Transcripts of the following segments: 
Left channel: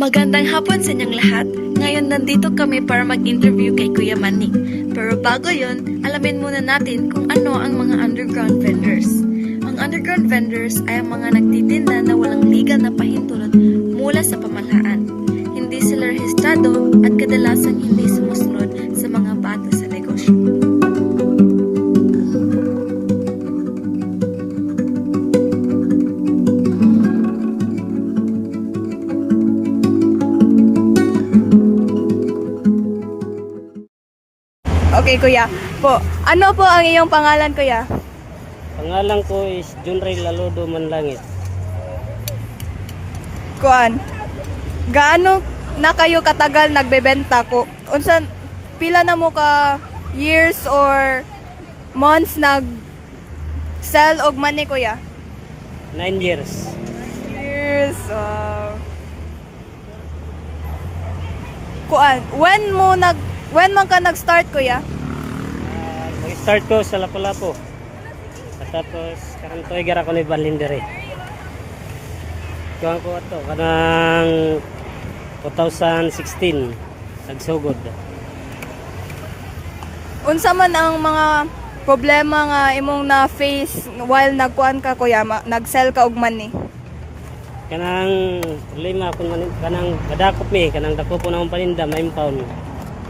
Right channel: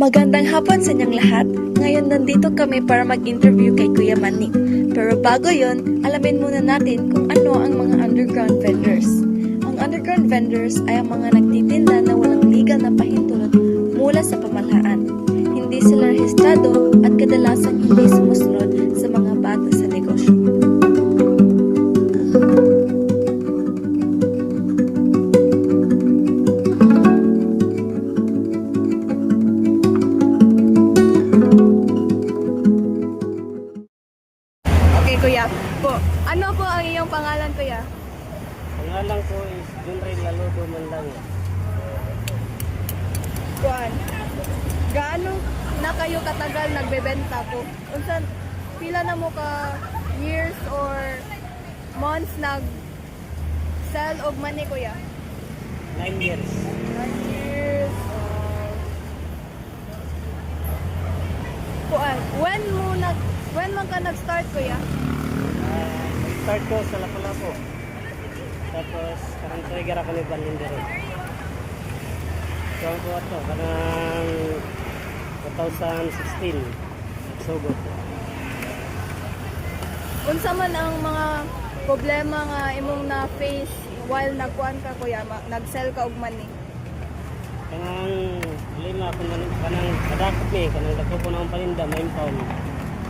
Magandang hapon sa inyong lahat. Ngayon nandito kami para mag-interview kay Kuya Manny. Pero bago yon, alamin muna natin kung ano ang mga underground vendors. Ang underground vendors ay ang mga nagtitinda na walang legal na pahintulot mula sa pamahalaan. Hindi sila rehistrado at kadalasan hindi sumusunod sa mga batas sa negosyo. Okay, kuya. Ano po ang iyong pangalan, kuya? Pangalan ko is Junray Laludo Manlangit. Kuan. Gaano na kayo katagal nagbebenta ko? Unsan pila na mo ka years or months nag sell og money, kuya? 9 years. 9 years. Kuan, when man ka nag-start, kuya? Start ko sa Lapu-Lapu. Tapos karang trigger ako ni Balindere. Kuha ko ato kanang 2016 nagsugod. Unsa man ang mga problema nga imong na face while nagkuan ka, kuya, nag-sell ka og money? Kanang problema kung kanang kadakop mi kanang dako po na akong paninda ma-impound.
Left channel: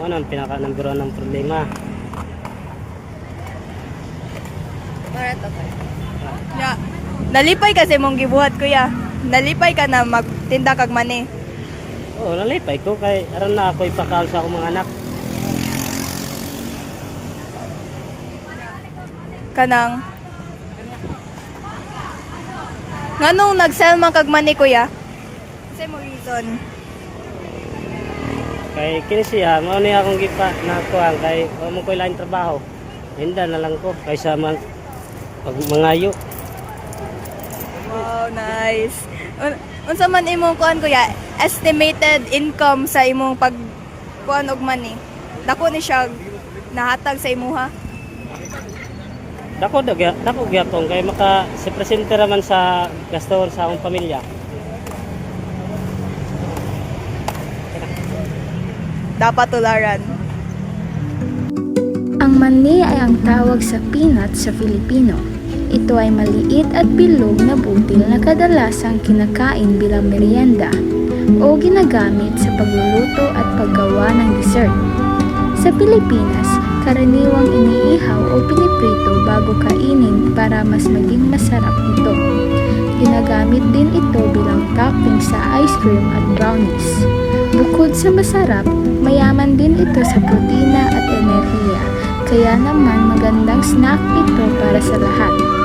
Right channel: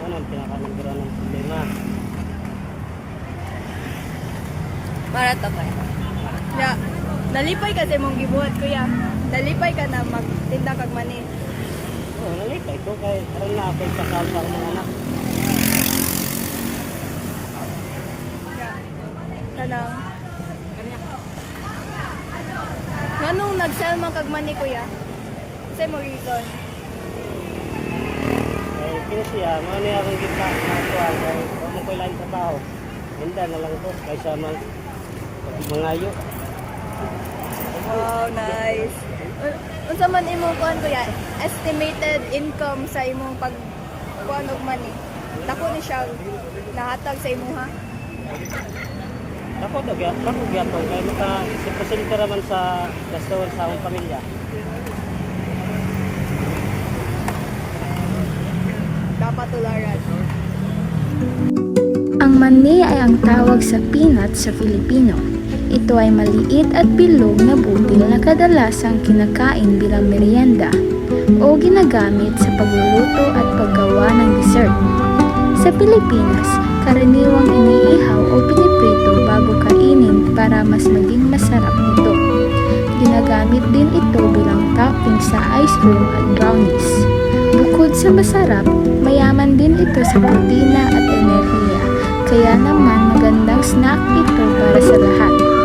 Ano ang pinaka number 1 ng problema? Ya, nalipay kasi mong gibuhat, kuya. Nalipay ka na magtinda kag money. Oo, nalipay ko kay aron na ako ipakaon sa akong mga anak. Kanang nganong nag-sell man kag money, kuya? Say mo reason. Kay kini siya, mao ni akong gipa na kuan kay mo ko lain trabaho. Hinda na lang ko kaysa man pag mangayo. Wow, nice. Unsa man imong kuan, kuya? Estimated income sa imong pag kuan og money. Nako ni siya nahatag sa imuha. Dako gyapon kay maka si presente raman sa gasto sa akong pamilya. Dapat tularan. Ang mani ay ang tawag sa peanut sa Filipino. Ito ay maliit at bilog na butil na kadalasang kinakain bilang merienda o ginagamit sa pagluluto at paggawa ng dessert. Sa Pilipinas, karaniwang iniihaw o piniprito bago kainin para mas maging masarap ito. Ginagamit din ito bilang topping sa ice cream at brownies. Bukod sa masarap, mayaman din ito sa protina at enerhiya, kaya naman magandang snack ito para sa lahat.